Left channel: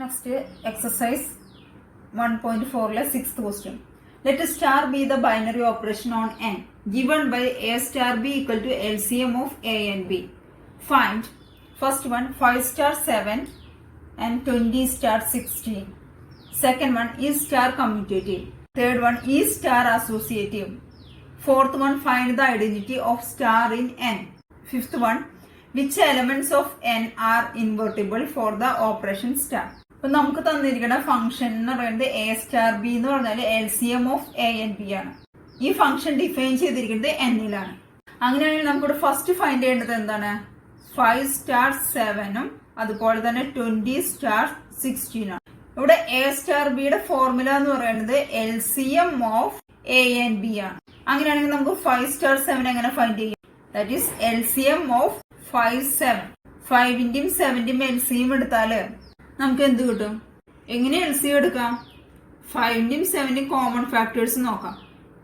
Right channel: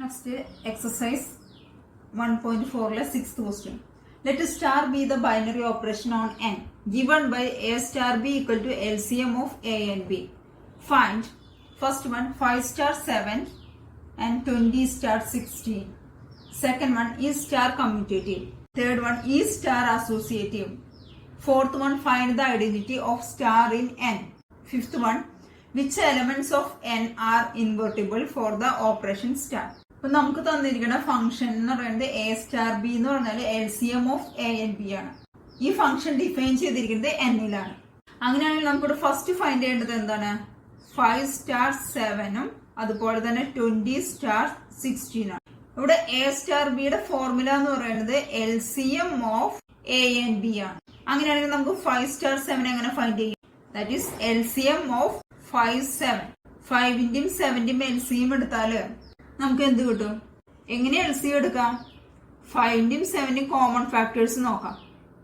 Next exercise 1.4 sixth question. Let star be the binary operation on n given by a star b equal to LCM of a and b. Find first one 5 star 7 and 20 star 16. Second one is star commutative. Third one is star associative. Fourth one find the identity of star in n. Fifth one which elements of n are invertible for the operation star. അപ്പൊ നമുക്ക് തന്നിരിക്കുന്ന function എന്ന് പറയുന്നത് A star B എന്ന് പറഞ്ഞാൽ LCM of A and B ആണ്. ഈ function define ചെയ്തിരിക്കുന്നത് എന്നിലാണ്. അങ്ങനെയാണെങ്കിൽ നമുക്കിവിടെ ഫസ്റ്റ് ഫൈൻഡ് ചെയ്യേണ്ടത് എന്താണ്? 5 സ്റ്റാർ 7ഉം അതുപോലെ തന്നെ 20 സ്റ്റാർ 16 ആണ്. ഇവിടെ എ സ്റ്റാർ ബിയുടെ ഫോർമുല എന്ന് പറയുന്നത് LCM of A and B ആണ്. അങ്ങനെയാണെങ്കിൽ നമുക്ക് 5 സ്റ്റാർ 7 എങ്ങനെ ഫൈൻഡ് ചെയ്യും? That is LCM of 5 7. 5ന്റെയും 7ന്റെയും LCM എടുത്താല് നമുക്ക് എന്ത് കിട്ടും? എങ്ങനെ LCM എടുക്കാം? 5ന്റെയും 7ന്റെയും കോമൺ ഫാക്ടേഴ്സ് നോക്കാം.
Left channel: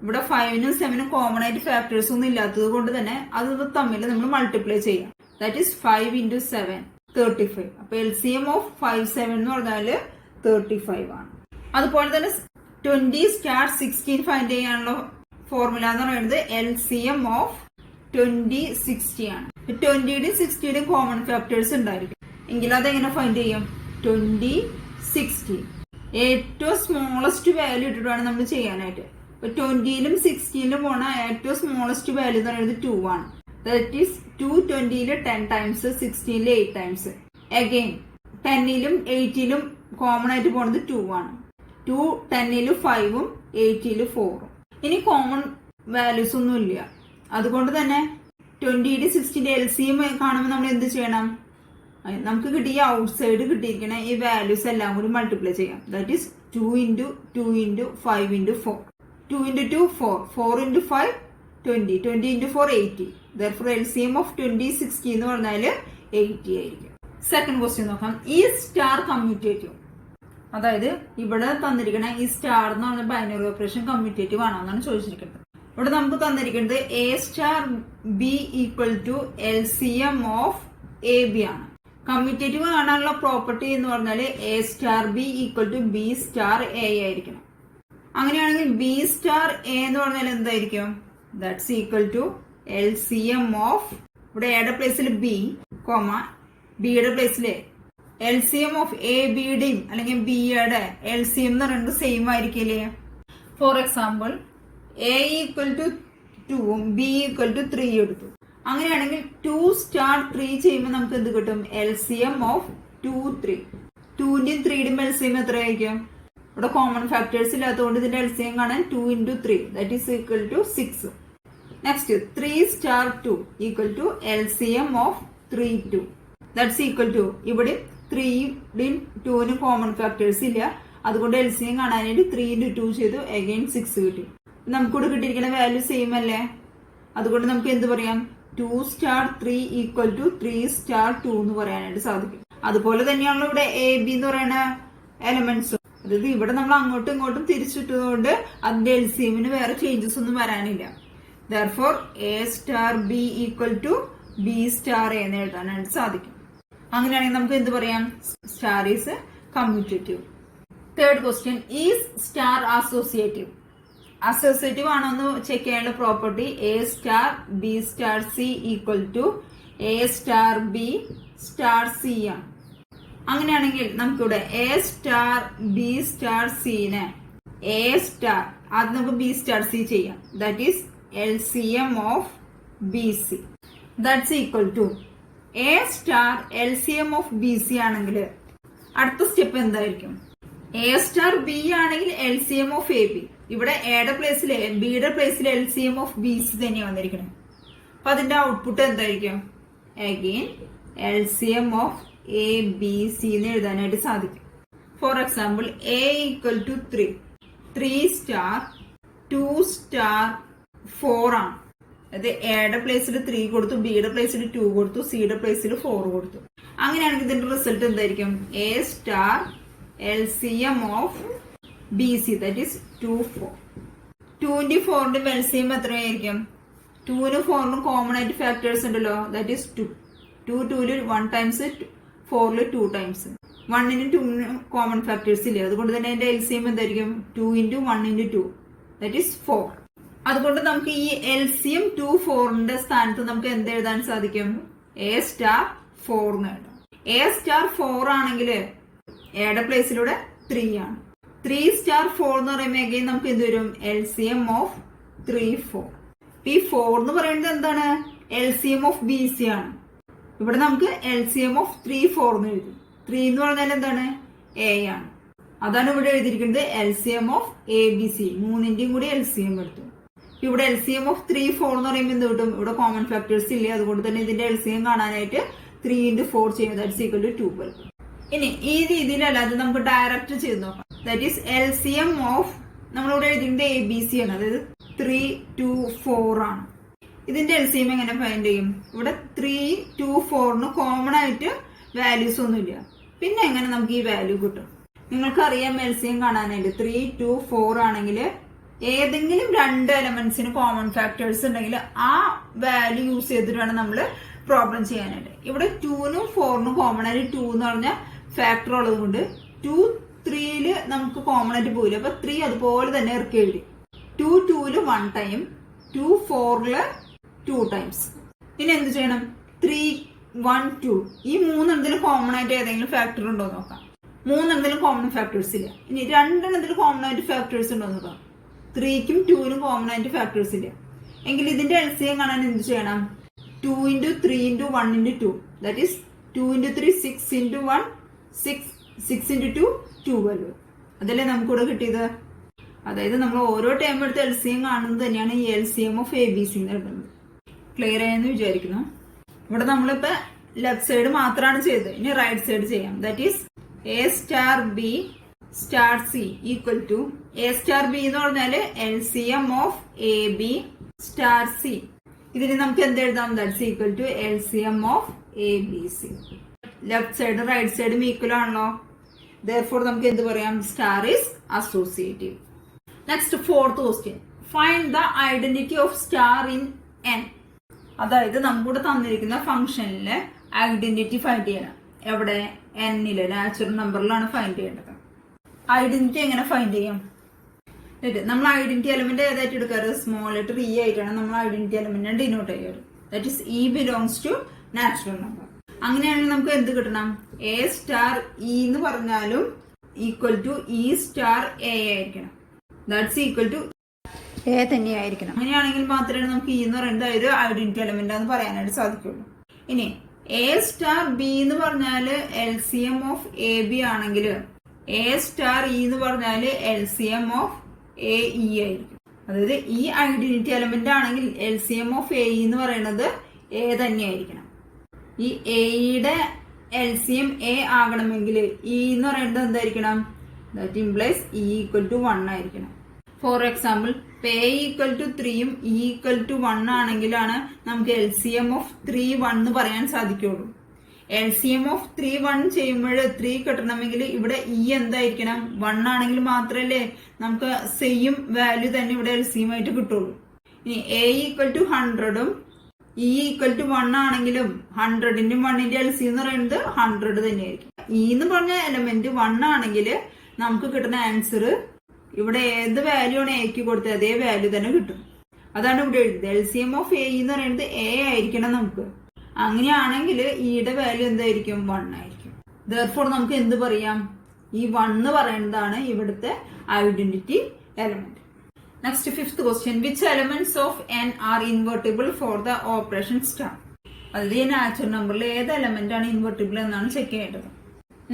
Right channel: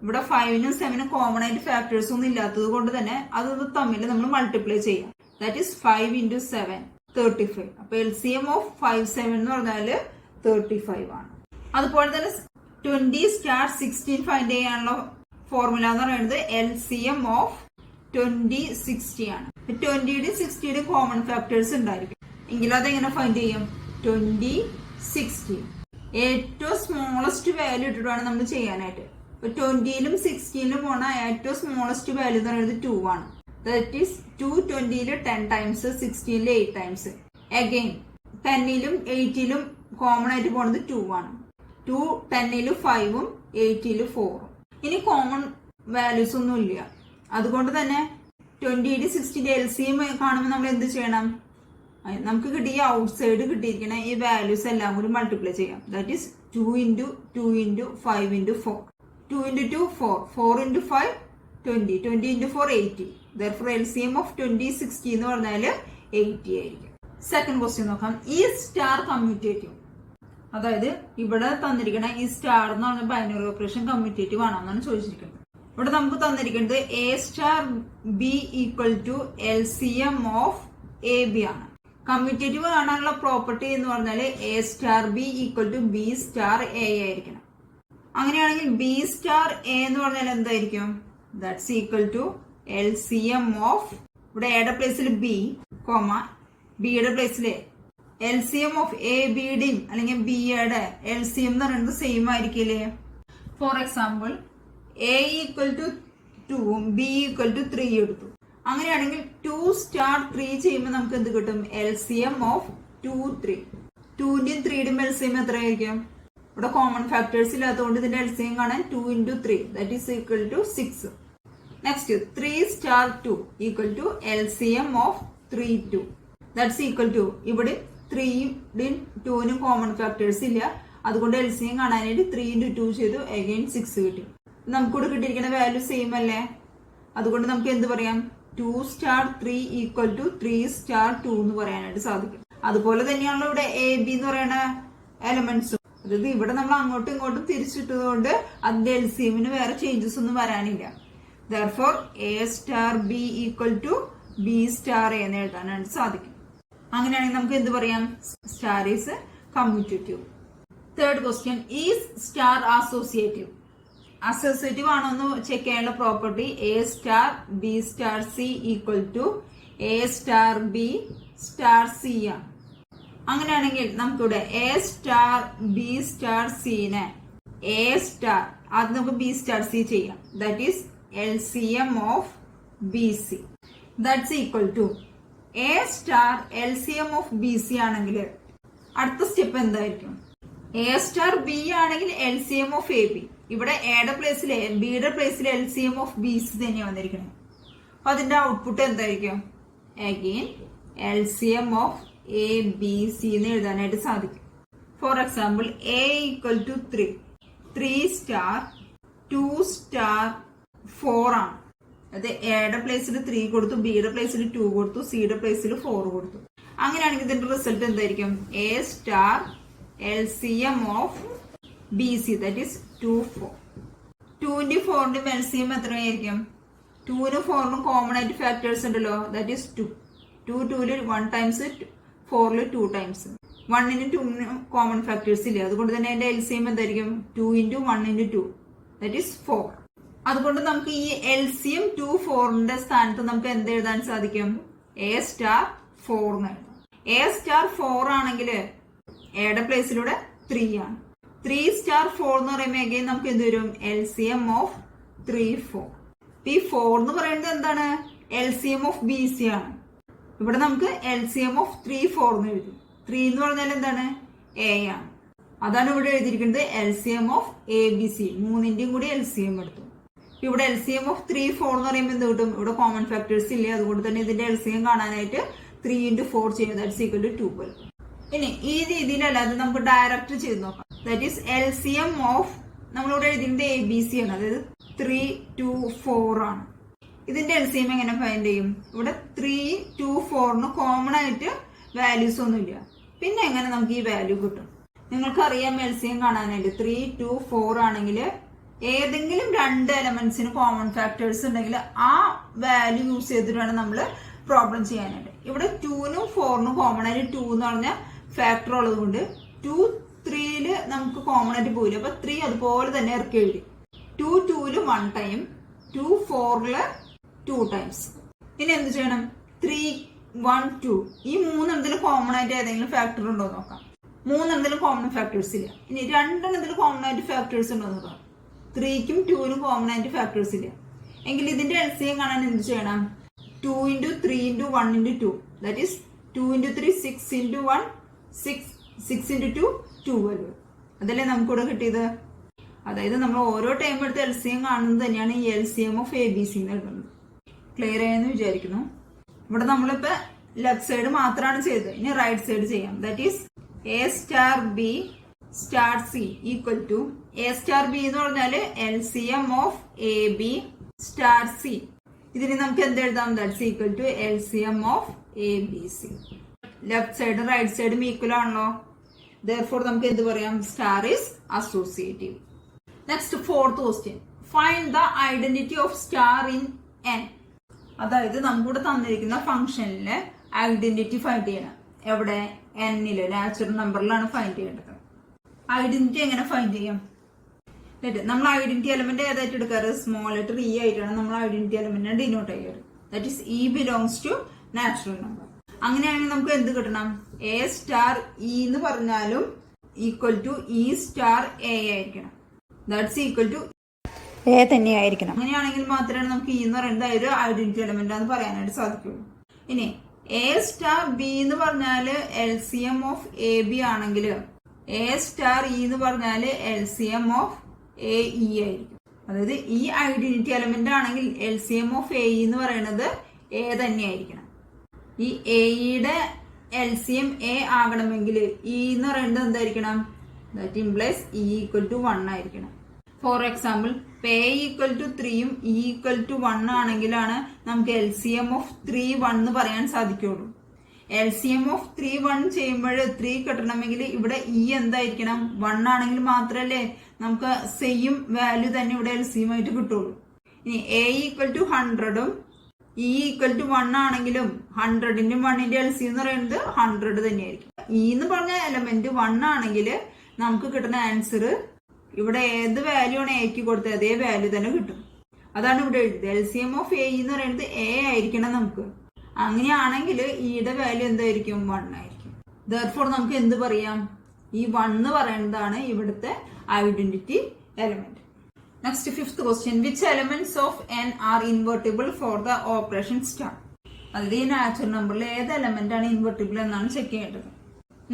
ഇവിടെ 5നും 7നും കോമൺ ആയിട്ട് ഫാക്ടേഴ്സ് ഒന്നും ഇല്ലാത്തത് കൊണ്ട് തന്നെ അത് തമ്മിൽ നമ്മൾ മൾട്ടിപ്ലൈ ചെയ്യാം. That is 5 × 7 35. അപ്പൊ LCM ഓഫ് 5 7 എന്ന് പറഞ്ഞാല് 35 ആണ്. അതുപോലെ തന്നെ 20 സ്റ്റാർ 16 ഫൈൻഡ് ചെയ്യാനുള്ള ഫോർമുല എന്ന് പറയുന്നത് LCM ഓഫ് 20 60 ആണ്. 20യുടെയും 60യുടെയും കോമൺ ഫാക്ടേഴ്സ് ഉണ്ടായിരിക്കും എങ്കിൽ അതെങ്ങനെ ഫൈൻഡ് ചെയ്യാം? 20 60 ഏറ്റവും സ്മോളസ്റ്റ് വാല്യൂ ഇട്ടിട്ടാണ് നമ്മൾ ചെയ്യാനായിട്ട്. ഇപ്പൊ 20യിലും 16ലും പോണ ഏറ്റവും സ്മോളസ്റ്റ് വാല്യൂ എന്ന് പറയുന്നത് 2 ആണ്. ദാറ്റ് ഈസ് 2 20യില് 10 ടൈംസ് 16ല് 8 ടൈംസ്. അഗെയിൻ 10ലും 8ലും കോമൺ ആയിട്ട് പോണത് 2 ആണ്. 2 10ല് 5ഉം 8ല് 4ഉം. ഇനി കോമൺ വാല്യൂസ് ഒന്നും ഇല്ല. അതുകൊണ്ട് തന്നെ 20യുടെ 60ന്റെ LCM കാണുമ്പോൾ നമ്മൾ എന്ത് ചെയ്യണം? നമുക്ക് കിട്ടിയ ഔട്ട് സൈഡ് കിട്ടിയിരിക്കണ ഈ വാല്യൂസ് എല്ലാം കൂടി മൾട്ടിപ്ലൈ ചെയ്യാം. That is 2 × 2 × 5 × 4. 2 × 2 4, 4 × 5 20, 20 × 4 80. Therefore LCM of 20 60 എന്ന് പറഞ്ഞാല് 80 ആയിരിക്കും. സെക്കൻഡ് ക്വസ്റ്റ്യൻ നോക്കാം. ഈ സ്റ്റാർ കമ്മ്യൂട്ടേറ്റീവ്, അതായത് ഇവിടെ തന്നിരിക്കണ ഈ സ്റ്റാർ എന്ന് പറഞ്ഞ ബൈനറി ഓപ്പറേഷൻ കമ്മ്യൂട്ടേറ്റീവ് ആണോ എന്നാണ് ചോദിച്ചിരിക്കുന്നത്. ഇവിടെ നമുക്ക് തന്നിരിക്കുന്നത് A star B equal to LCM of A B ആണ്. കമ്മ്യൂട്ടേറ്റീവ് കാണാനുള്ള പ്രോപ്പർട്ടി എന്ന് പറഞ്ഞാൽ A star B equal to B star A ആയിരിക്കണം. അങ്ങനെയാണെങ്കിൽ ബി സ്റ്റാർ എ എന്ന് പറഞ്ഞാൽ എന്തായിരിക്കും? That's equal to LCM of, ഇവിടെ എയുടെ പ്ലേസിൽ ബി കോമ ബിയുടെ പ്ലേസിൽ LCM ഓഫ് എ ബിയുടെയും അല്ലെങ്കിൽ ബിയുടെ LCM എന്ന് പറയുന്നത് സെയിം ആയിരിക്കില്ലേ? For example A equal to 2ഉം ബി ഈക്വൽ ടു 3 എടുത്തു. അങ്ങനെയാണെങ്കിൽ 2 സ്റ്റാർ 3 ചെയ്യുമ്പോൾ നമുക്ക് എന്ത് കിട്ടും? LCM of 2 3. 2ന്റെയും 3യുടെയും LCM എത്രയായിരിക്കും? ഇവിടെ കോമൺ ഫാക്ടേഴ്സ് ഇല്ലാത്തതുകൊണ്ട് ഇതിന്റെ LCM കാണാൻ 2 × 3 that is equal to 6. Next 3 star 2 equal to LCM of 3 2 that's equal to, ഇവിടെ 3യുടെയും 2നും കോമൺ ഫാക്ടേഴ്സ് ഇല്ല. അതുകൊണ്ട് LCM കാണാനായിട്ട് 3 × 2 ചെയ്തു. അഗൈൻ 6 കിട്ടി. നമുക്കിവിടെ കിട്ടിയിരിക്കുന്ന വാല്യൂ സെയിം അല്ലേ? അതുകൊണ്ട് നമുക്ക് എന്ത് പറയാം? 2 സ്റ്റാർ 3 ഈക്വൽ ടു 3 സ്റ്റാർ 2 എന്ന് പറയാനായിട്ട് സാധിക്കും. അതുപോലെ തന്നെയാണല്ലോ ഇവിടെ എ ബി എന്ന് പറയുന്ന എലമെന്റ്സ്. അതായത് ഇവിടെ നമ്മൾ അങ്ങോട്ടും ഇങ്ങോട്ടും തിരിച്ചിട്ടതുകൊണ്ട് അതിന്റെ LCMന് വേറെ ചേഞ്ചസ് ഒന്നും വരാനില്ല. Therefore A star B equal to B star A എന്ന് എഴുതാനായിട്ട് സാധിക്കും. അങ്ങനെയാണെങ്കിൽ നമുക്ക് എന്ത് പറയാം? Star is commutative. Third question, is star associative? Associative ആണോ എന്ന് ചെക്ക് ചെയ്യാനുള്ള property A star B star C equal to A star B star C ആണ്. അങ്ങനെയാണെങ്കിൽ നമുക്കിവിടെ എ സ്റ്റാർ ബി സ്റ്റാർ സിനെ എ സ്റ്റാർ, അത് നമുക്ക് ബി സ്റ്റാർ സി ചെയ്യാം. That is LCM of B C that's equal to A star LCM of B C ആണെങ്കിൽ അടുത്ത step എന്തായിരിക്കും? എ സ്റ്റാർ ബി ആണെങ്കിൽ LCM ഓഫ് എ ബി. ഇവിടെ എയുടെ പ്ലേസിൽ ബിയുടെ പ്ലേസിൽ LCM ഓഫ് ബി സി തന്നെയാണ് വന്നിരിക്കുന്നത്. അപ്പൊ അതിന്റെ ഔട്ട്പുട്ട് എന്തായിരിക്കും? Again LCM of A B C എന്ന് എഴുതാനായിട്ട് സാധിക്കും. For example A equal to 3, 3 star 2 star 4 ആണ്. അത് എയുടെ പ്ലേസിൽ 3 കൊടുത്തു, ബിയുടെ പ്ലേസിൽ 2 കൊടുത്തു, സിയുടെ പ്ലേസിൽ 4 കൊടുത്തു. അങ്ങനെയാണെങ്കിൽ ഇതിന്റെ റിസൾട്ട് എന്തായിരിക്കും? A star LCM of B C that is 2 4. 2ന്റെ 4ന്റെ LCM എത്രയായിരിക്കും? 2നും 4നും കോമൺ ആയിട്ട് ഫാക്ടേഴ്സ് ഉണ്ടല്ലോ. That is 2. 2 2ല് 1 ടൈംസ്, 4ല് 2 ടൈംസ്. 1നും 2നും കോമൺ ഫാക്ടേഴ്സ് ഇല്ല. അതുകൊണ്ട് തന്നെ എന്റെ LCM എന്തായിരിക്കും 2 × 1 × 2 ദാറ്റ് ഈസ് 4. അതുകൊണ്ട് നമുക്ക് ഈ LCM 2 4ന്റെ സ്ഥാനത്ത് നമുക്ക് എന്ത് എഴുതാൻ സാധിക്കും? A star 4 എന്ന് എഴുതാം. A star 4 ആണെങ്കിൽ എയുടെ പ്ലേസിലൂടെ 3 ആണ്. 3 star 4 എന്ന് പറയുമ്പോൾ again നമുക്ക് എന്ത് വരും? LCM of 3 4. ഈ 4 എന്ന് പറയുന്നത് എന്താണ്? LCM of BC ആണ്. ഇവിടെ നമുക്ക് LCM of 3 4 എന്ന് എഴുതി. 3 എന്ന് പറഞ്ഞാൽ എന്താണ്? A ആണ്. അതാണ് ഇവിടെ എഴുതിയിരിക്കുന്നത് LCM of ABC. 3ന്റെയും കൂടി LCM എടുത്തു. ഇവിടെ LCM of 3 4 എന്ന് പറയുമ്പോൾ എന്ത് കിട്ടും? ഇവിടെ കോമൺ ഫാക്ടേഴ്സ് ഇല്ല. അതുകൊണ്ട് തന്നെ ഇതിന്റെ LCM കാണാനായിട്ട് 3 × 4 ചെയ്യുന്നത് ദാറ്റ്സ് ഈക്വൽ ടു 12. ഇനി ഈ രീതിയിലല്ലാതെ നമുക്ക് ഡയറക്റ്റ് ചെയ്ത് നോക്കാം. ദാറ്റ് ഈസ് LCM ഓഫ് നമ്മളിവിടെ എഴുതിയിരിക്കുന്നത് ABC ആണ്. അതായത് 3 2 4 ആണ്. ഇതിന്റെ LCM എങ്ങനെ ഫൈൻഡ് ചെയ്യും? ഇവിടെ 3 2 4ന് കോമൺ ആയിട്ട് വാല്യൂസ് ഒന്നുമില്ല. പിന്നെ എങ്ങനെ നമുക്ക് ഈ വാല്യൂ കിട്ടും? നിങ്ങൾക്കറിയാം LCM കാണാനായിട്ട് 3 2 4 ആണെങ്കിൽ ഏതെങ്കിലും 2 എലമെന്റ്സിന് കോമൺ ഫാക്ടേഴ്സ് ഉണ്ടെങ്കിൽ ആ വാല്യൂ യൂസ് ചെയ്തിട്ടാണ് നമ്മൾ പ്രോബ്ലം ചെയ്യാനായിട്ട്. ഇവിടെ 2നും 4നും കോമൺ ആയിട്ട് 2 എന്ന് പറഞ്ഞ ഫാക്ടർ ഉള്ളത് കൊണ്ട് 2 3ല് നമുക്ക് കോമൺ ആയിട്ട് പോയില്ല. അപ്പൊ 3 അതുപോലെ തന്നെ ഇറക്കി എഴുതി. 2 2ല് 1 ടൈം, 2 4ല് 2 ടൈംസ്. ഇനി എന്ത് ചെയ്യണം? 3 1 2 ഈ 3 എന്തെങ്കിലും കോമൺ ആയിട്ട് ഏതെങ്കിലും ഫാക്ടർ ഉണ്ടോ നോക്കാം. 3 എന്തെങ്കിലും കോമൺ ഫാക്ടേഴ്സ് ഇല്ല. ഇനി 2 എന്തെങ്കിലും കോമൺ ആയിട്ട് ഫാക്ടേഴ്സ് ഉണ്ടോ നോക്കാം. 3ക്കും 2നും കോമൺ ആയിട്ട് ഫാക്ടേഴ്സ് ഇല്ല. എങ്കിൽ ഇതിന്റെ LCM കാണാൻ എന്ത് ചെയ്യണം? 2 × 3 × 1 × 2 ദാറ്റ് ഈസ് 2 × 3 6 × 1 6 6 × 2 12. അതല്ലേ നമുക്കിവിടെ കിട്ടിയത്? അതായത് നമ്മൾ ഓരോ ടൈം എടുത്ത് LCM കാണുന്നത് തന്നെയാണ് ഈ LCM of ABC എന്ന് എഴുതുന്നത്. ക്ലിയർ ആയെന്ന് വിചാരിക്കുന്നു. ഇവിടെ നമ്മളിപ്പോ ലെഫ്റ്റ് സൈഡ് മാത്രമാണ് ചെയ്തത്. ഇനി റൈറ്റ് സൈഡ് ചെയ്യാം. That is A star B star C equal to A star B എന്ന് പറഞ്ഞാല് LCM of AB star C. ഇതിന് നമുക്ക് എന്ത് എഴുതാം? That's equal to LCM of ABC. Left സൈഡും റൈറ്റ് സൈഡും ഈക്വൽ ആണല്ലോ. therefore നമുക്ക് എന്ത് പറയാം? Star is associative. Next fourth question. Find the identity of star in N. അതായത് നമ്മുടെ തന്നിരിക്കുന്ന ഫംഗ്ഷനിലെ ഐഡന്റിറ്റി ഫൈൻഡ് ചെയ്യണം. എവിടെ? Nല് നാച്ചുറൽ നമ്പറിലാണ് ഫൈൻഡ് ചെയ്യേണ്ടത്. ഐഡന്റിറ്റി എങ്ങനെ ഫൈൻഡ് ചെയ്യാം? നമ്മൾ ഐഡന്റിറ്റി എലമെന്റ് ഏതായിട്ട് എടുക്കാറ്? സ്മോൾ ലെറ്റർ E ആയിട്ടാണ് നമ്മൾ ഐഡന്റിറ്റി എലമെന്റിനെ ഡിനോട്ട് ചെയ്യാറ്. That is E belongs to natural number. അങ്ങനെയാണെങ്കിൽ നമുക്ക് എന്ത് കിട്ടണം? A star E എന്ന് പറഞ്ഞാലും equal to E star A ആയിരിക്കണം. ദാറ്റ്സ് ഈക്വൽ ടു A തന്നെയായിരിക്കണം. അങ്ങനെയാണെങ്കിൽ മാത്രമേ നമുക്ക് E എന്ന് പറയുന്നത് ഒരു ഐഡന്റിറ്റി എലമെന്റ് ആണെന്ന് പറയാനായിട്ട് സാധിക്കുള്ളൂ. ഇനി A star B എന്ന് പറഞ്ഞാല് LCM ഓഫ് AB ആണെങ്കിൽ A star E എന്ന് പറഞ്ഞാല് LCM ഓഫ് AE ആയിരിക്കും. അതായത് ഈ ഐഡന്റിറ്റി എലമെന്റ് ആണെങ്കിൽ LCM ഓഫ് AE എന്ന് പറയുന്നത് A തന്നെയായിരിക്കണം. ഈ എയുടെ LCM A ആകണമെങ്കിൽ E എന്ന് പറയുന്നത് എന്തായിരിക്കണം? That implies E equal to 1 ആയിരിക്കണം. For example A equal to 3യും E ഈക്വൽ ടു 1 ആണെങ്കിലാണ് നമുക്ക് LCM ഓഫ് 3 1 എന്ന് പറയാൻ സാധിക്കുള്ളൂ. LCM ഓഫ് 3 1 ചെയ്യുമ്പോൾ 3 കിട്ടണമെങ്കിൽ ഇവിടെ E എന്തായിരിക്കണം? 1 ആണെങ്കിൽ മാത്രമല്ലേ നമുക്ക് സെയിം വാല്യൂ തന്നെ ഇവിടെ LCM ആയിട്ട് കിട്ടുള്ളൂ. ഇനി A ഈക്വൽ ടു 100ഉം E ഈക്വൽ ടു 1 ആണെങ്കിലും 100ന്റെയും 1ന്റെ LCM എന്ന് പറയുന്നത് 100 തന്നെയായിരിക്കും. E എന്ന് പറഞ്ഞ എലമെന്റ് 1 ആണെങ്കിൽ നമുക്ക് കിട്ടുന്ന ആൻസർ ഇവിടെ ഏത് വാല്യൂ ആണ് എക്ക് കൊടുത്തത് അതേ വാല്യൂ തന്നെ കിട്ടും. അതാണ് ഇവിടെ എഴുതിയത്. LCM ഓഫ് A എന്ന് പറയുന്നത് A ആയിരിക്കണം നമുക്ക്. അങ്ങനെയാണെങ്കിൽ ഇയുടെ വാല്യൂ എന്തായിരിക്കും? 1 ആയിരിക്കും. therefore നമുക്ക് എന്ത് പറയാം? ഈ 1 എന്ന് പറയുന്നതാണ് ഇവിടുത്തെ identity element. Next fifth question. Which elements of N are invertible for the operation star? അതായത് ഈ നാച്ചുറൽ നമ്പറിൽ ഏത് എലമെന്റ് ആണ് ഇൻവെർട്ടിബിൾ എന്നാണ് ചെക്ക് ചെയ്യേണ്ടത്.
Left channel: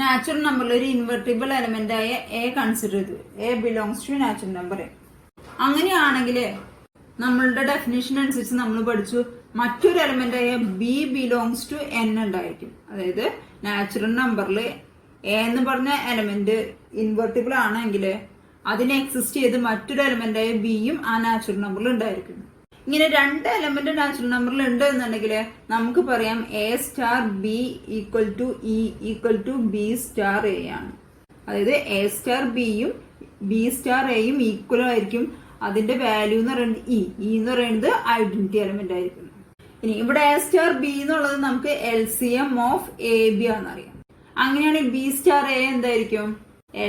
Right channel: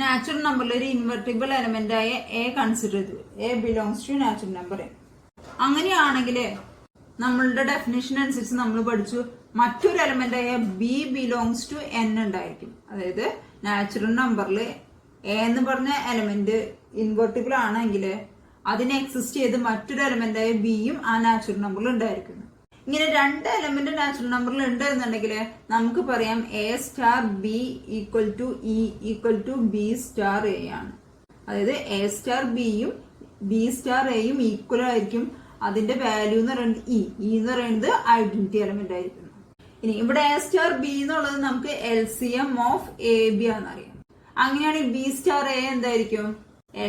നാച്ചുറൽ നമ്പറിൽ ഒരു ഇൻവെർട്ടിബിൾ എലമെന്റ് ആയ A കൺസിഡർ ചെയ്തു. A belongs to natural number. അങ്ങനെയാണെങ്കിൽ നമ്മളുടെ ഡെഫിനിഷൻ അനുസരിച്ച് നമ്മൾ പഠിച്ചു മറ്റൊരു എലമെന്റ് ആയ B ബിലോങ്സ് ടു N ഉണ്ടായിരിക്കും. അതായത് നാച്ചുറൽ നമ്പറിൽ A എന്ന് പറഞ്ഞ എലമെന്റ് ഇൻവെർട്ടിബിൾ ആണെങ്കിൽ അതിനെ എക്സിസ്റ്റ് ചെയ്ത് മറ്റൊരു എലമെന്റ് ആയ Bയും ആ നാച്ചുറൽ നമ്പറിൽ ഉണ്ടായിരിക്കും. ഇങ്ങനെ 2 എലമെന്റ് നാച്ചുറൽ നമ്പറിൽ ഉണ്ട് എന്നുണ്ടെങ്കിൽ നമുക്ക് പറയാം A star B equal to E equal to B star A ആണ്. അതായത് A star Bയും B star Aയും ഈക്വൽ ആയിരിക്കും. അതിന്റെ വാല്യൂ എന്ന് പറയുന്നത് E എന്ന് പറയുന്നത് ഐഡന്റിറ്റി എലമെന്റ് ആയിരിക്കും. ഇനി ഇവിടെ A star B എന്നുള്ളത് നമുക്ക് LCM ഓഫ് AB ആണെന്നറിയാം. അങ്ങനെയാണെങ്കിൽ ബി സ്റ്റാർ എ എന്തായിരിക്കും?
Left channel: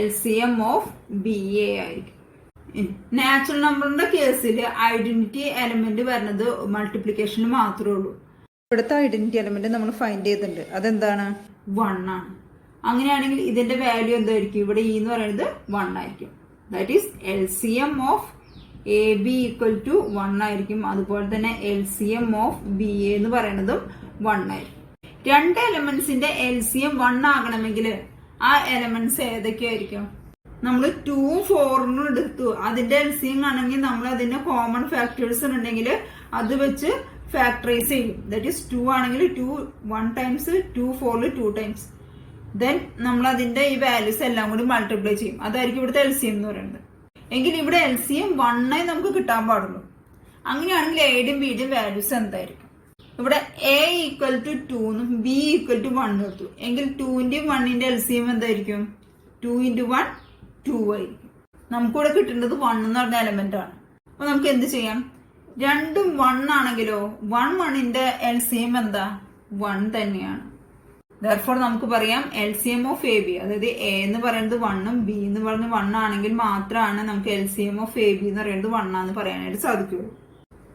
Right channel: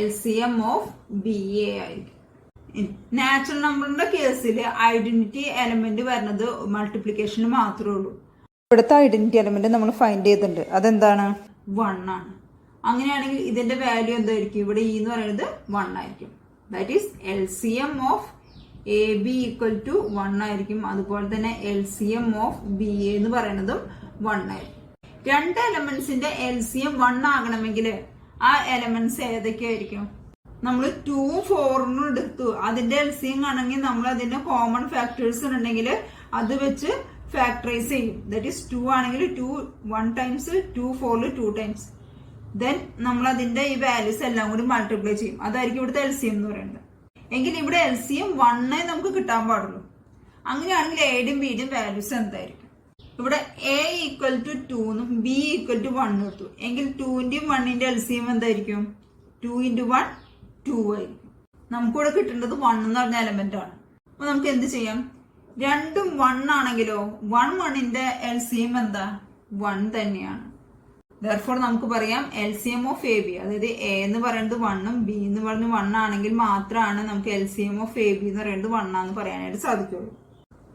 LCM ഓഫ് ബി എ ആയിരിക്കും. നാച്ചുറൽ നമ്പറിന്റെ കേസിൽ ഐഡന്റിറ്റി എലമെന്റ് വരുന്നത് മൾട്ടിപ്ലിക്കേഷന് മാത്രമേ ഉള്ളൂ. ഇവിടുത്തെ ഐഡന്റിറ്റി എലമെന്റ് നമ്മൾ ഫൈൻഡ് ചെയ്തിട്ടുണ്ട്. അതെന്താണ്? 1 ആണ്. അങ്ങനെയാണെങ്കിൽ ഇതിന്റെ വാല്യൂ എന്തായിരിക്കും? ഇവിടെ ഇ എന്ന് പറയുന്നത് 1 ആയിരിക്കും. That is LCM of A B equal to 1 ആയിരിക്കും. അതുപോലെ തന്നെ LCM ഓഫ് ബി എ എന്ന് പറയുന്നതും 1 ആയിരിക്കും. രണ്ട് എലമെന്റ്സിന്റെ LCM 1 ആകണമെങ്കിൽ ആ എലമെന്റ്സ് ഏതൊക്കെയായിരിക്കും? നമ്മൾ 2 4 എടുത്തു. അതിന്റെ LCM ആണെങ്കിൽ നമ്മൾ അതിന്റെ കോമൺ ഫാക്ടേഴ്സ് ഉണ്ടെങ്കിൽ അത് വെച്ച് ഫാക്ടറൈസ് ചെയ്യും. ദാറ്റ് ഈസ് 2 ആണെങ്കിൽ 2 1 ടൈംസ്, 2 4 2 ടൈംസ്. ദെൻ നമ്മൾ അതിന്റെ ഈ വാല്യൂസ് എല്ലാം കൂടി മൾട്ടിപ്ലൈ ചെയ്യും. അതായിരിക്കും ഇവിടുത്തെ LCM എന്ന് പറയുന്നത്. എങ്കിൽ ഇവിടെ LCM 1 നമുക്ക് കിട്ടാൻ പാടുള്ളൂ. അങ്ങനെയാണെങ്കിൽ എയുടെയും ബിയുടെയും വാല്യൂസ് എന്തായിരിക്കും? ഇവിടെ എ ഈക്വൽ ടു 2 എന്നും ബി ഈക്വൽ ടു 1 എടുത്തു. എങ്കിൽ 2ന്റെയും 1ന്റെ LCM എന്തായിരിക്കും? 2 × 1 2 ആയിരിക്കും. നമുക്കിവിടെ കിട്ടേണ്ടത് 1 എന്ന് പറഞ്ഞ എലമെന്റ് ആണ്. അപ്പൊ നമുക്ക് എന്ത് ചെയ്യാം? രണ്ടും 1 ആണെങ്കിലോ 1ന്റെ LCM എന്താ? 1 തന്നെയാണ്. Therefore നമുക്ക് പറയാം LCM ഓഫ് എ ബി, അതായത് എ എന്ന് പറയുന്നത് 1ഉം ബി എന്ന് പറയുന്നത് 1 ആണെങ്കിൽ മാത്രമാണ് നമുക്ക് LCM ഓഫ് എ ബി എന്ന് പറയുന്നത് 1 ആണെന്ന് പറയാനായിട്ട് സാധിക്കുള്ളൂ.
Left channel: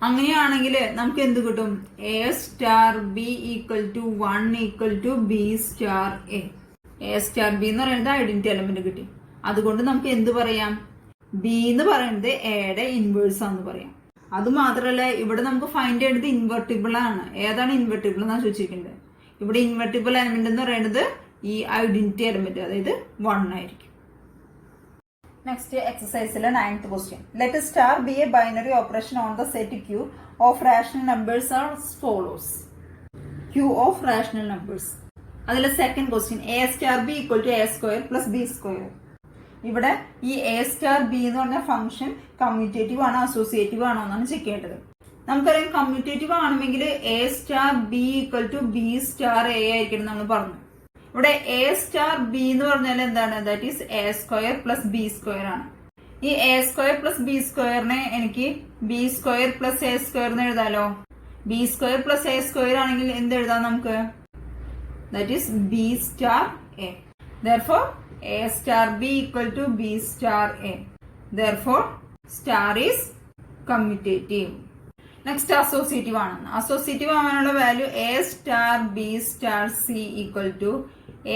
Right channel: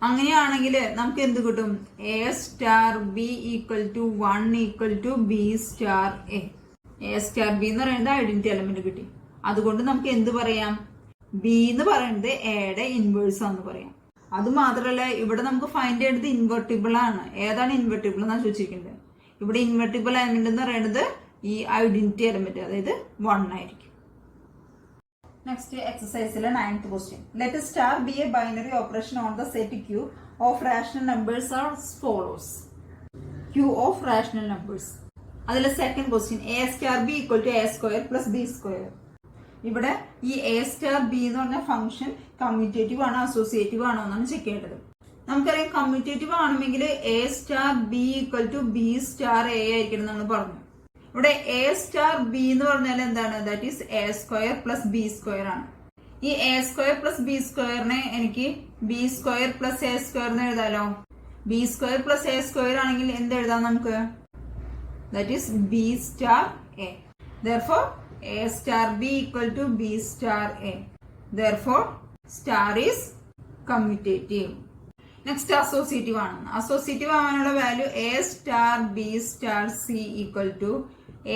അങ്ങനെയാണെങ്കിൽ നമുക്ക് എന്ത് കിട്ടും? A star B equal to 1 equal to B star A. A star B എന്ന് പറയുന്നത് ഐഡന്റിറ്റി എലമെന്റ് കിട്ടി. അതുകൊണ്ട് നമുക്ക് എന്ത് പറയാം? ബി എന്ന് പറയുന്നത് എയുടെ ഇൻവേഴ്സ് ആണെന്ന് പറയാം. അത് മാത്രമല്ല ഇവിടെ നമുക്ക് ഫൈൻഡ് ചെയ്യേണ്ടത് ഇൻവെർട്ടിബിൾ ആണ്. ഏതാണ് ഇൻവെർട്ടിബിൾ എന്നാണ് ചോദിച്ചിരിക്കുന്നത്. ഇവിടെ ഇൻവെർട്ടിബിൾ എലമെന്റ് എന്ന് പറയുന്നത് ഈ ഐഡന്റിറ്റി എലമെന്റ്, അതായത് 1 ആയിരിക്കും. നെക്സ്റ്റ് എക്സസൈസിലെ 9th question. Let star B A binary operation on the set Q of rational numbers are follows. Q of rational numbers. അതിലെ second question A star B equal to A square plus B square. ഇവിടെ ഈ A star B എന്ന് പറഞ്ഞ function commutative ആണോ associative ആണോ എന്നാണ് check ചെയ്യേണ്ടത്. നമുക്കറിയാം കമ്മ്യൂട്ടേറ്റീവ് ആണെങ്കിൽ A star B equal to B star A ആയിരിക്കണം നമ്മൾ പറഞ്ഞു. ഇവിടെ എ സ്റ്റാർ ബി എന്ന് പറഞ്ഞാൽ എന്താണ്? That is A square plus B square ആണ്. ഈ എ സ്ക്വയർ പ്ലസ് ബി സ്ക്വയറിനെ എനിക്ക് B square plus A square എന്ന് എഴുതാലോ. B square plus A square ആണെങ്കിൽ എന്ത് എഴുതാം നമുക്ക്? That is B star A. Therefore a star b equal to b star a. Therefore star is commutative. Next associative ആണ്. Associative ആവാനുള്ള value A star B star C equal to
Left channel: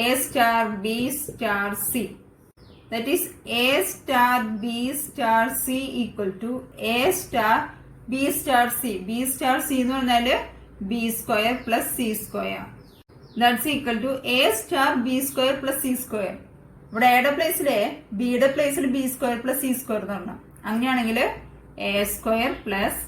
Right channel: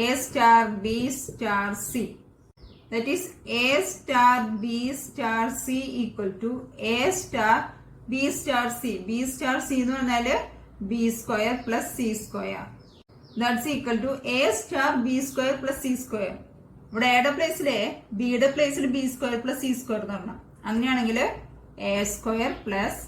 A star B star C. That is A star B star C equal to A star B star C. B star C എന്ന് പറഞ്ഞാല് B square plus C square. That's equal to A star B square plus C square. ഇവിടെ എയുടെ പ്ലേസിലെ ബിയുടെ പ്ലേസിൽ B square plus C square എന്ന് പറഞ്ഞാൽ അങ്ങനെയാണെങ്കിൽ A square plus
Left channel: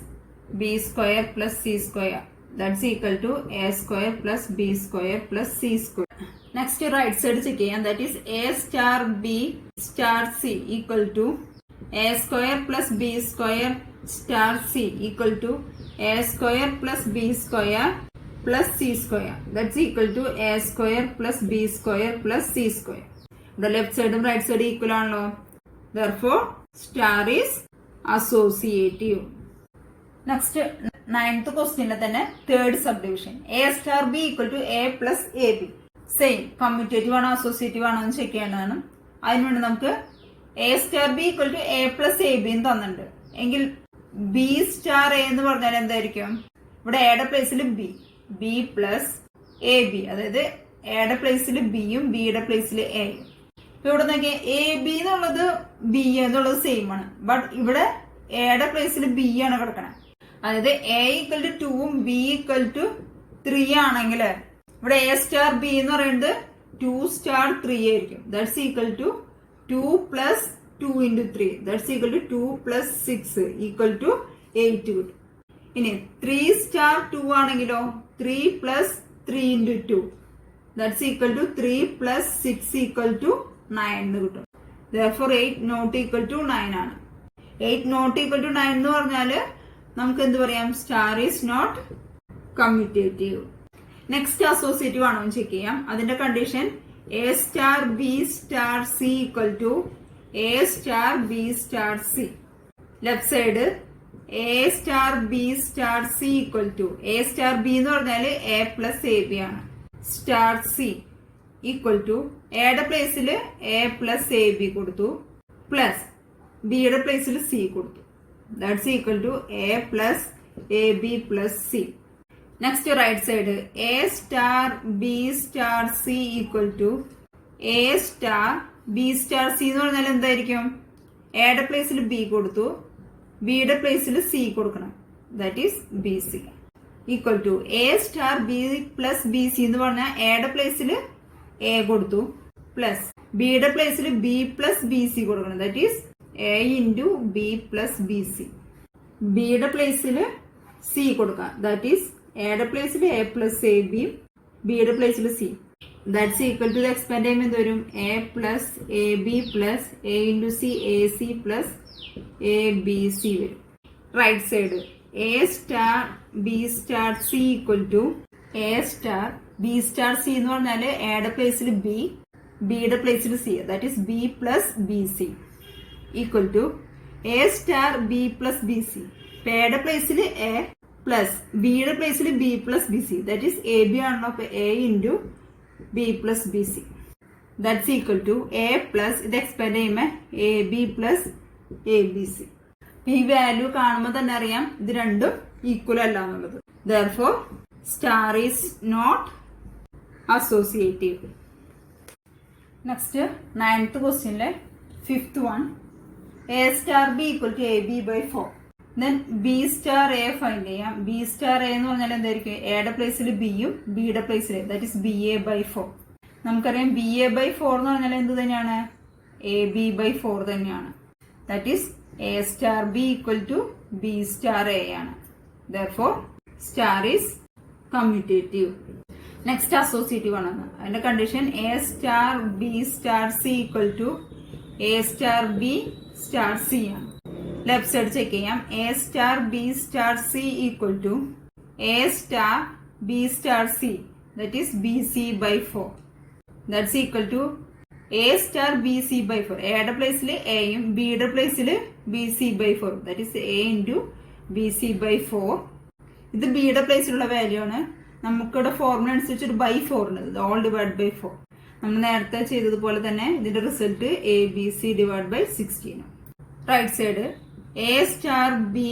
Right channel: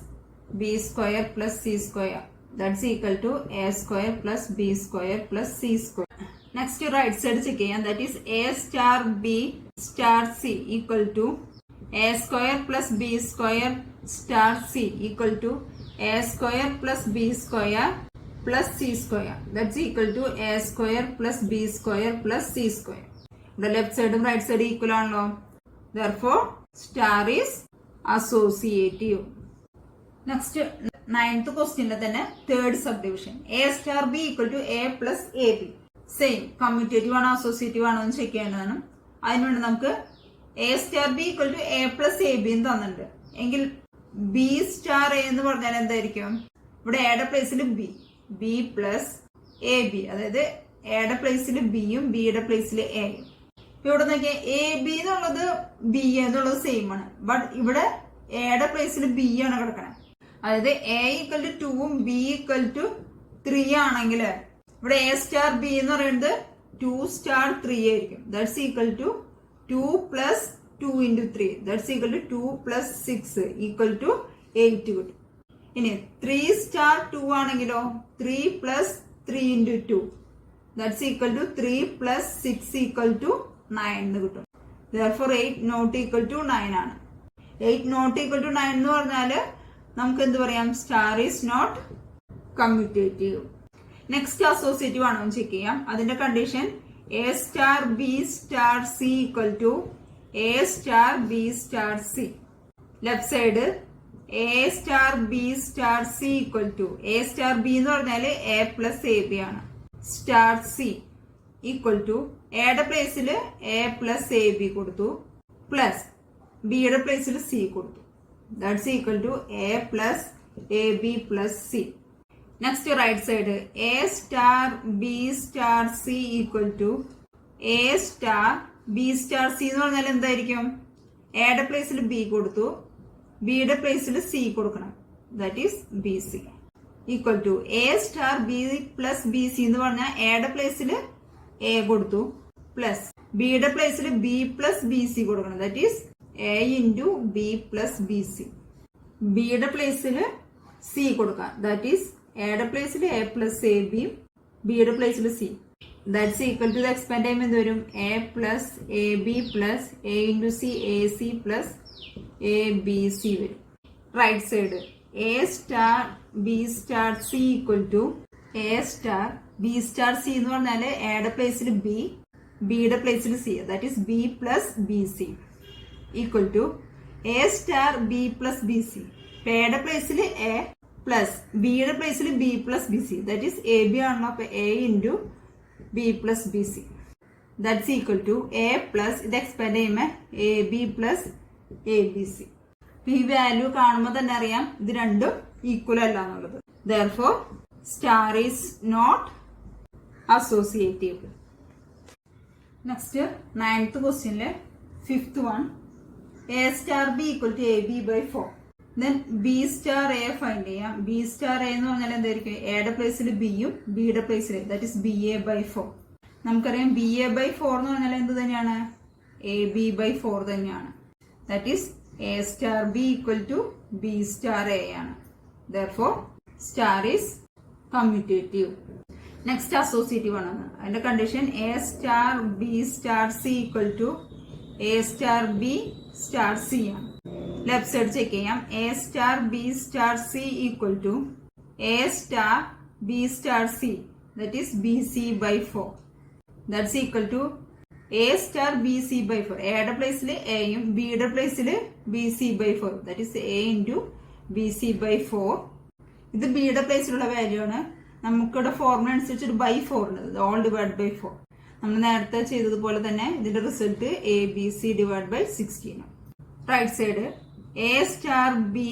B square plus C square. That's equal to A square plus B square plus C square. Next right side check ചെയ്യാം. That is A star B star C equal to A square plus B square star C equal to A square plus B square plus C square. That's equal to A square plus B square plus C square. ഇവിടെ left സൈഡും right സൈഡും equal ആണല്ലോ. Therefore star is associative. Next 9th ക്വസ്റ്റ്യനിലെ തന്നെ third sub division A star B equal to A plus A B. Same commutative ആണോ associative ആണോ എന്ന് check ചെയ്യേണ്ടതാണ്. അതിനുവേണ്ടി നമുക്ക് A star B equal to A plus A B എന്ന് തന്നിട്ടുണ്ട്. എങ്കിൽ ബി സ്റ്റാർ എ എന്ന് പറഞ്ഞാൽ എന്തായിരിക്കും? ഇവിടെ എയുടെ പ്ലേസിൽ B, B plus A B, അതായത് എയുടെ പ്ലേസിൽ ബിയും ബിയുടെ പ്ലേസിൽ എയും. ഇവിടെ നോക്കിയാൽ എ ബി എന്നുള്ളത് ബി എന്നുള്ളത് സെയിം ആണ്. ബട്ട് ഇവിടെ എയുടെ പ്ലേസിൽ ബി ആണ് കിടക്കണത്. അതായത് എ ഈക്വൽ ടു 2ഉം ബി ഈക്വൽ ടു 3 ആണെങ്കിൽ ഇവിടെ എ സ്റ്റാർ ബി എന്ന് പറയുന്നത് 2 സ്റ്റാർ 3 ആയിരിക്കും. That's equal to 2 plus 2 into 3. That's equal to 2 plus 6 equal to 8 കിട്ടും. ഇനി 3 സ്റ്റാർ 2 ആണെങ്കിലോ 3 plus 3 into 2. That's equal to 3 plus 6 equal to 9 എന്ന് കിട്ടും. Therefore 8 നോട്ട് ഈക്വൽ ടു 9 ആണ്. 8 നോട്ട് ഈക്വൽ ടു 9 എന്ന് പറഞ്ഞാല് നമുക്ക് എന്ത് പറയാം? Star is not commutative. Next associative ആണോ എന്ന് ചെക്ക് ചെയ്യാം. അതിന്റെ condition A star B star C equal to A star B star C. Left side A star B star C equal to A star B എന്ന് പറഞ്ഞാല് A plus A B ആണ്. Star C equal to എയുടെ പ്ലേസിൽ A plus A B കൊടുത്തു plus ബിയുടെ പ്ലേസിൽ C കൊടുത്തു. That's equal to A plus A B plus C. Next right side A star B star C equal to A star B star C എന്ന് പറഞ്ഞാൽ എന്തായിരിക്കും? എയുടെ പ്ലേസിൽ ബി കൊടുത്തു, ബിയുടെ പ്ലേസിൽ സി കൊടുക്കണം. That is B C equal to A star B plus B C എന്ന് പറഞ്ഞാൽ എയുടെ പ്ലേസിൽ എ കൊടുത്തു പ്ലസ് ബിയുടെ പ്ലേസിൽ ബി പ്ലസ് ബി സി കൊടുക്കണം. That is A into B plus B C. ബിയുടെ പ്ലേസിൽ സി കൊടുക്കാം. ദാറ്റ് ഈസ് എയുടെ പ്ലേസിൽ എ പ്ലസ് എ ബി, ബിയുടെ പ്ലേസിൽ C. That's equal to expand ചെയ്യുമ്പോൾ എന്ത് വരും? A plus A B plus A into C A C plus A B C വരും. Right side A star B star C equal to A star B star C എന്ന് പറഞ്ഞാൽ എയുടെ പ്ലേസിൽ B, ബിയുടെ പ്ലേസിൽ C. That is B plus B C equal to A star B plus B C. എയുടെ പ്ലേസിൽ A plus ബിയുടെ പ്ലേസിൽ B plus B C. That is A B ആണല്ലോ, അപ്പൊ A into B plus B C. That's equal to A plus ഇത് expand ചെയ്യുമ്പോൾ A B plus A B C. ഈ value കാണുമ്പോൾ തന്നെ അറിയാം ഇത് രണ്ടും ഈക്വൽ അല്ല എന്നുള്ളത്. Therefore star is not associative. Next 9th ക്വസ്റ്റ്യനിലെ 5th one A star B equal to A B by 4. Then B star A find ചെയ്യാം. ബി സ്റ്റാർ എ എന്ന് പറഞ്ഞാൽ എന്തായിരിക്കും? എയുടെ പ്ലേസിൽ ബിയും ബിയുടെ പ്ലേസിൽ that is B A by 4. നമുക്കറിയാം ബി എ ബൈ 4 എന്ന് പറഞ്ഞാൽ എന്ത് തന്നെയാണ്? എ ബി ബൈ 4 തന്നെയാണ്. That is A star B equal to B star A ആണ്. Therefore star is commutative. Next associative ആണ്. അതിന്റെ condition A star B star C equal to A star B star C ആണ്. Left side check ചെയ്യാം. A star B star C equal to A star B star C that is B C by 4. That's equal to A star B C by 4. എയുടെ പ്ലേസിൽ എയും ബിയുടെ പ്ലേസിൽ B C by 4. That is A into B C by 4. ഇത് ബിയുടെ പ്ലേസിലുള്ള value ആണ്. നമുക്കിവിടെ formula അനുസരിച്ച് ബൈ 4 ഉണ്ട്, ഓൾ ഡിവൈഡ് ബൈ 4. നമ്മൾ നേരത്തെ ചെയ്തതുപോലെ തന്നെ ഇതിന്റെ result A B C divide by 16. Right side A star B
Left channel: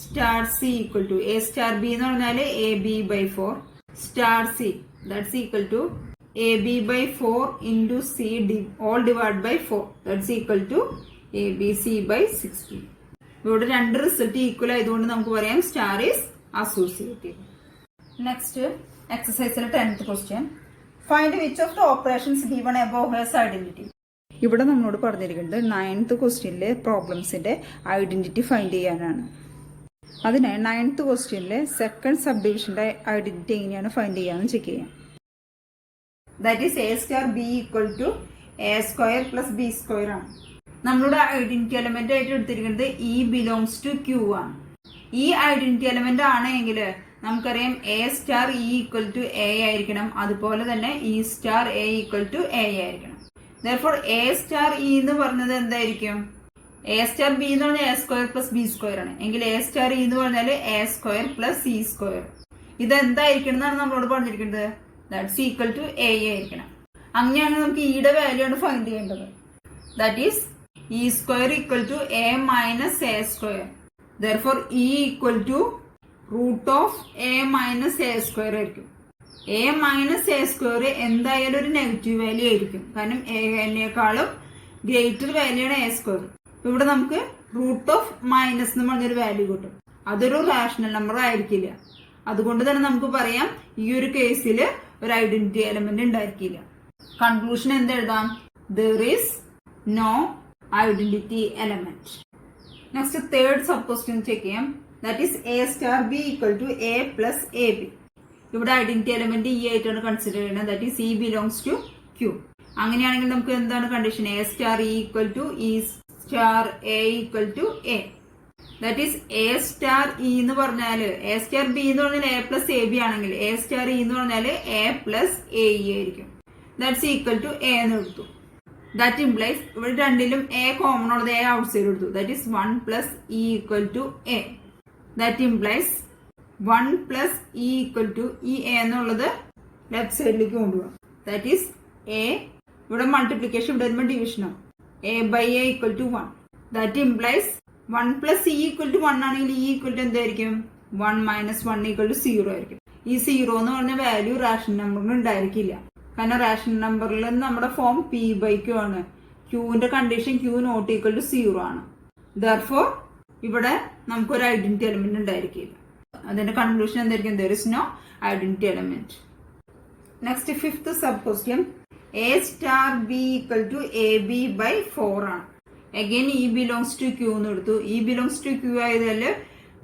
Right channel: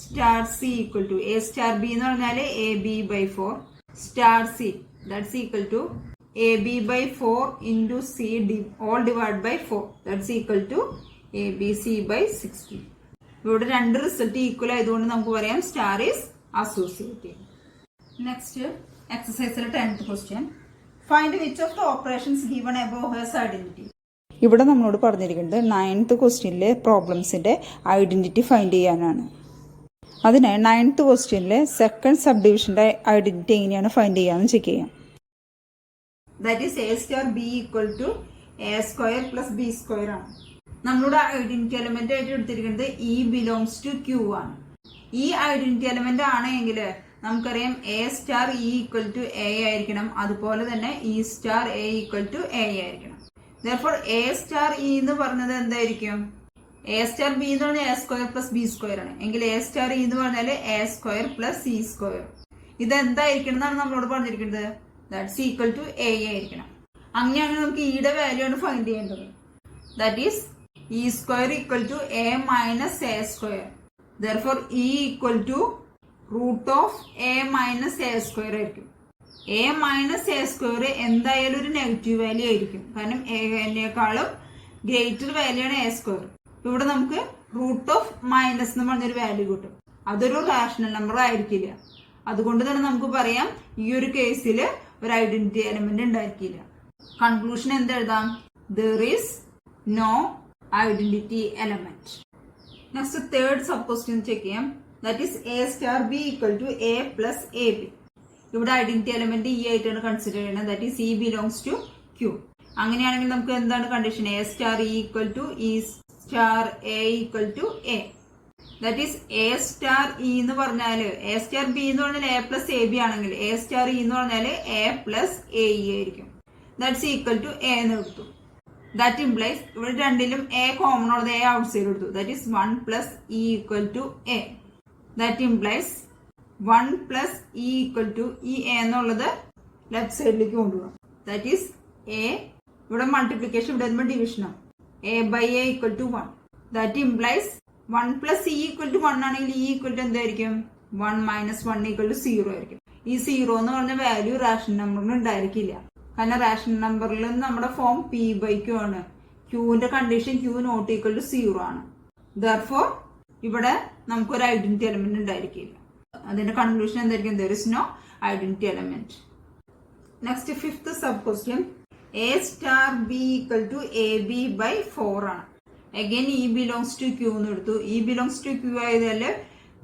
star C equal to A star B എന്ന് പറഞ്ഞാൽ A B by 4 star C that's equal to A B by 4 into C all divide by 4 that's equal to A B C by 16. ഇവിടെ രണ്ട് result equal ആയതുകൊണ്ട് നമുക്ക് പറയാം star is associative. Next എക്സസൈസിലെ 10th question find which of the operations given above has identity. ഇവിടെ നമ്മളോട് പറഞ്ഞിരിക്കുന്നത് 9th ക്വസ്റ്റ്യനിലെ പ്രോബ്ലംസിന്റെ identity find ചെയ്യാനാണ്. അതിനായി 9th ക്വസ്റ്റ്യനിലെ സെക്കൻഡ് സബ് ഡിവിഷന്റെ ഐഡന്റിറ്റി എങ്ങനെയാണ് ഫൈൻഡ് ചെയ്യാമെന്ന് ചെക്ക് ചെയ്യാം. That is A star B equal to A square plus B square ആണ്. നമ്മളുടെ ഐഡന്റിറ്റി എലമെന്റ് ആയിട്ട് എടുത്തിരിക്കുന്നത് ഇ ബിലോങ്സ് ടു ക്യൂ ആണ്. ഈ ഐഡന്റിറ്റി എലമെന്റ് ആണെങ്കിൽ നമുക്കറിയാം A star E equal to A ആയിരിക്കണം, അതുപോലെ തന്നെ E star A equal to A ആയിരിക്കണം. Therefore, A star E എന്ന് പറഞ്ഞത് എന്തായിരിക്കും? A star B എന്ന് പറഞ്ഞാൽ A square plus B square ആണ്. എങ്കിൽ A star E എന്ന് പറഞ്ഞാൽ A square plus C square. ഇത് എന്തായിരിക്കണം എന്നാണ് നമ്മളോട് പറഞ്ഞിരിക്കുന്നത്? ദാറ്റ്സ് ഈക്വൽ ടു A ആയിരിക്കണം. അങ്ങനെയാണെങ്കിൽ നമുക്ക് ഇയുടെ വാല്യൂ ആണ് ഫൈൻഡ് ചെയ്യേണ്ടത്. That is E square equal to A minus A square. Therefore, E equal to root of A minus A square ആയിരിക്കും. എ മൈനസ് എ സ്ക്വയർ എന്തായാലും ഒരു നെഗറ്റീവ് വാല്യൂ ആയിരിക്കും, കാരണം എനേക്കാളും ഗ്രേറ്റർ വാല്യൂ ആണ് എ സ്ക്വയർ. ഇവിടെ നമുക്ക് റൂട്ട് ഓഫ് മൈനസ് എന്ന് പറഞ്ഞൊരു വാല്യൂ കിട്ടും. അതൊരു റാഷണൽ നമ്പർ ആയിരിക്കില്ല. അതുകൊണ്ട് തന്നെ നമുക്ക് പറയാം ഈ ഒരു കേസിൽ ഒരു ഐഡന്റിറ്റി എലമെന്റ് ഉണ്ടായിരിക്കില്ല. കൺക്ലൂഷൻ എന്തെഴുതാം? there is no identity element. Next third sub question check ചെയ്യാം. That is A star B equal to A plus A B. ഇവിടെ ഐഡന്റിറ്റി എലമെന്റ് ഇ ആയിട്ടാണ് കൺസിഡർ ചെയ്യുന്നത്. That is E belongs to Q. അങ്ങനെയാണെങ്കിൽ നമുക്ക് എന്താണ് condition? A star E equal to E star A equal to A. That is A star E എന്ന് പറഞ്ഞാല് A star B എന്ന് പറഞ്ഞാൽ എ പ്ലസ് എ ബി ആണെങ്കിൽ A star E എന്ന് പറഞ്ഞാൽ എ പ്ലസ് എ ഇ ആയിരിക്കും. That's equal to A എന്ന് എടുത്തു. ദാറ്റ് ഇംപ്ലൈസ് ഇവിടെ രണ്ടിലും എ കോമൺ ഉള്ളത് എ ഔട്ട് സൈഡ് എടുത്തു. That is 1 plus E equal to A. That implies 1 plus E equal to ഈ എ എന്നുള്ളത് ലെഫ്റ്റ് സൈഡിലേക്ക് കൊണ്ടുപോകാം. ദാറ്റ് ഈസ് എ, ഇവിടെ മൾട്ടിപ്ലിക്കേഷൻ, ഇവിടെ വരുമ്പോൾ ഡിവിഷനോ, A by A equal to 1. That implies 1 plus E equal to 1 ആണെങ്കിൽ ഇ ഈക്വൽ ടു എന്തായിരിക്കും? 1 മൈനസ് 1 ഈക്വൽ ടു 0 ആയിരിക്കും. ഈ 0 എന്ന് പറഞ്ഞ വാല്യൂ റാഷണൽ നമ്പറിന് ഉണ്ടായിരിക്കില്ല. കാരണം റാഷണൽ നമ്പറിൽ നമ്മുടെ ഫോം പി ബൈ ക്യൂ ആണ്. ക്യൂവിന്റെ condition Q not equal to 0 ആണ്. ദർഫോർ ഇവിടെ നമുക്കൊരു ഐഡന്റിറ്റി എലമെന്റ് ഉണ്ടായിരിക്കില്ല. അതിന്റെ കൺക്ലൂഷൻ എന്തായിരിക്കും? There is no identity element. Next fifth sub question, A star B equal to A B by 4 ആണ്. Again E belongs to Q എന്ന് എടുത്തു. E belongs to Q ആയതില്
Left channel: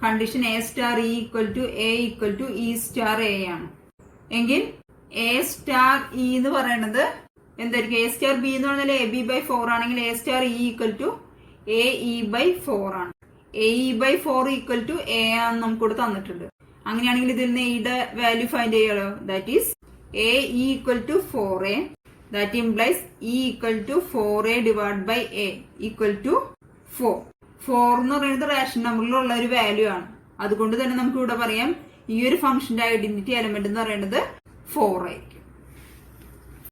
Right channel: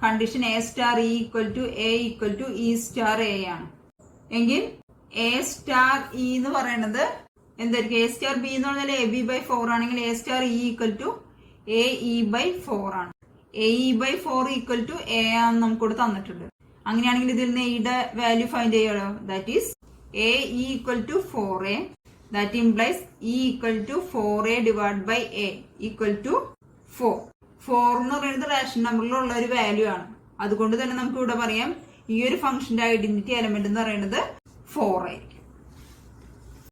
condition A star E equal to A equal to E star A ആണ്. എങ്കിൽ A star E എന്ന് പറയുന്നത് എന്തായിരിക്കും? A star B എന്ന് പറഞ്ഞാൽ എ ബി ബൈ 4 ആണെങ്കിൽ A star E equal to A E by 4 ആണ്. A E by 4 equal to A ആണെന്ന് നമുക്കിവിടെ തന്നിട്ടുണ്ട്. അങ്ങനെയാണെങ്കിൽ ഇതിൽ നിന്ന് എയുടെ വാല്യൂ ഫൈൻഡ് ചെയ്യാലോ. That is A E equal to 4a. That implies E equal to 4a divide by A equal to 4. 4 എന്ന് പറയുന്നത് റേഷൻ നമ്പറിലുള്ള ഒരു വാല്യൂ ആണ്. അതുകൊണ്ട് തന്നെ നമുക്ക് ഇവിടെ പറയാം ഈ ഒരു ഫംഗ്ഷന്റെ ഐഡന്റിറ്റി എലമെന്റ് എന്ന് പറയുന്നത് 4 ആയിരിക്കും.